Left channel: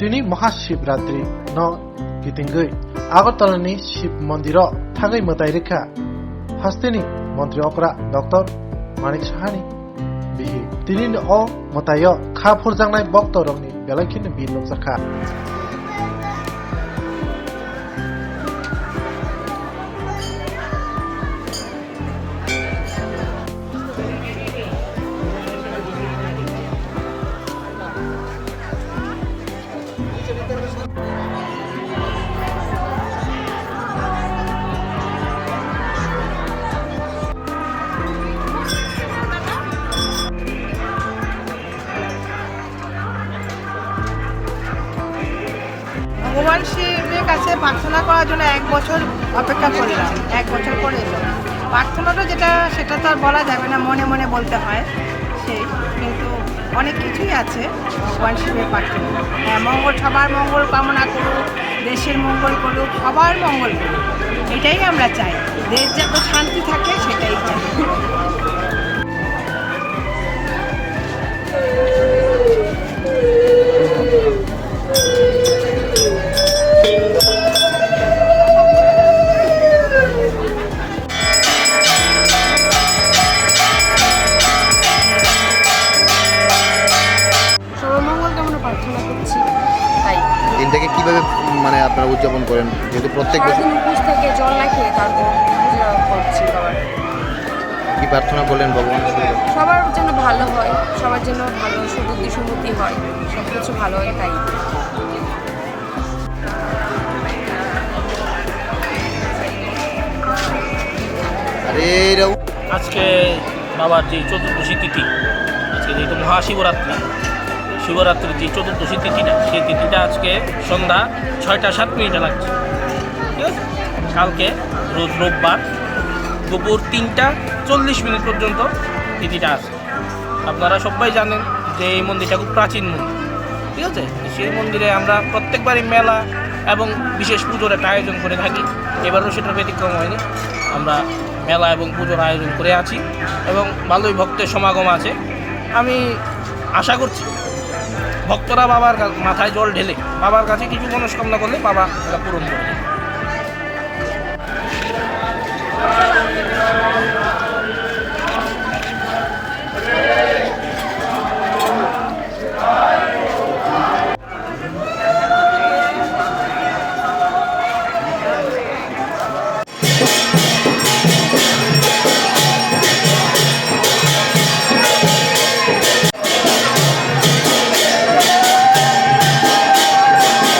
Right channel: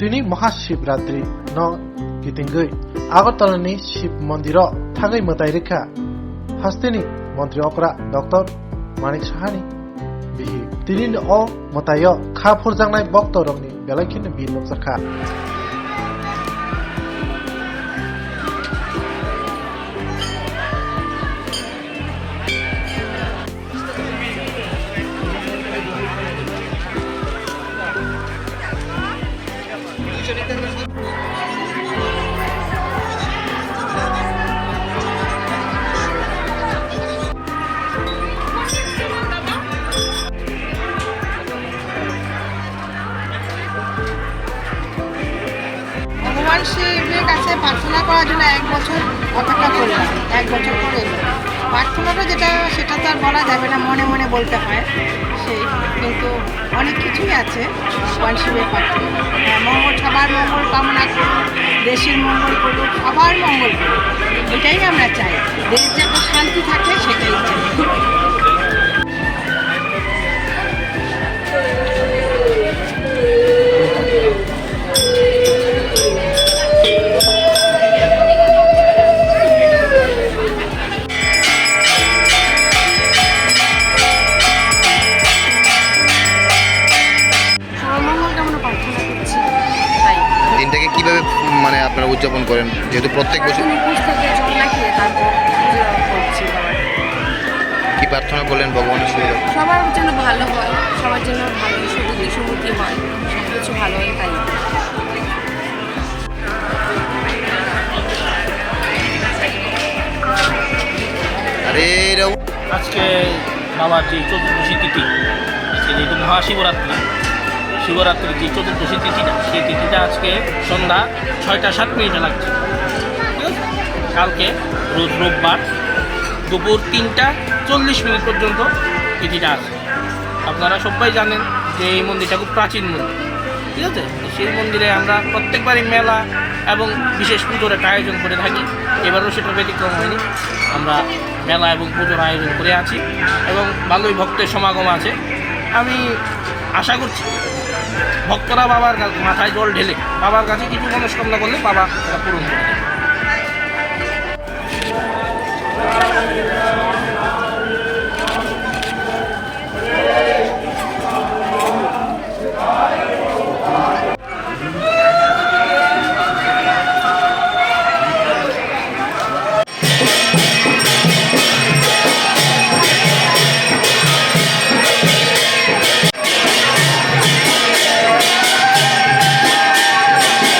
दिनै महाशिवरात्रि न गिदिंगै आगरतलानि शिव मन्दिर थागै मताइ रेखा हास्तेनि मन्त्री अकरा डक्टर मानिक साहानि बिहि दिनै अ मताय खा फुरजांनाय भक्तरंनि बेलाखिनि बिलोक जाखा ভগবান শিবের কাছে প্রার্থনা করার জন্য 1 বছর অপেক্ষা করলাম। 1 বছর পরে এলো প্রার্থনাটা সেটা তো আর বলা যাবে না, মনে মনে বলতে হয় সেই, কিন্তু অনেক কিছুই আছে ভগবান শিবের প্রার্থনা। মঙ্গল, সবার মঙ্গল কামনা করুক, দেশের মঙ্গল করুক, সবার মঙ্গল করুক, এটাই আমরা চাই। দেশ যাতে শান্তি থাকে সেটাই চাই। দিনটাকে কিভাবে মানে আপনারা উদযাপন করেন, যেহেতু প্রত্যেক বছর থেকে জল না খেয়ে তারপর করছি বাবা। কি প্রার্থনা করলেন ভগবানের সাথে? সবার জন্য ভালো হয়, সবার জন্য ভালো সুবুদ্ধি সমৃদ্ধি হয়, সব কিছু ভালো হয় তাই। আরে আজকে বাবার যে চতুর্দশী তিথি, আজকে যেহেতু মহাশিবরাত্রি, শিবরাত্রির যে চতুর্দশী তিথিটা, সেই তিথিটা আজকে সন্ধ্যা 6টা 7 মিনিটে লাগছে, ঠিক আছে? কালকে রোজ রোববার দুপুর 3টা 40 মিনিট পর্যন্ত তিথিটা আছে। আপনারা সবাই জানেন যে এই মন্দিরটা খুব প্রাচীন মন্দির, ঠিক আছে? সেই মন্দিরে আমরা প্রত্যেকবারই মেলা এবং বিশেষ পুজোর একটা আয়োজন করে থাকি। এবারও সেটা ব্যতিক্রম হয়নি, আমরা মেলা এবং পুজোর আয়োজন করে আছি এবং ভালোই ভক্তের সমাগম আছে। আমি আশা করছি ভক্তরা বাবার মাথায় জল ঢেলে বাবার কাছে কিছু মনস্কামনা করলে বাবা এটা পূরণ করে দেবে।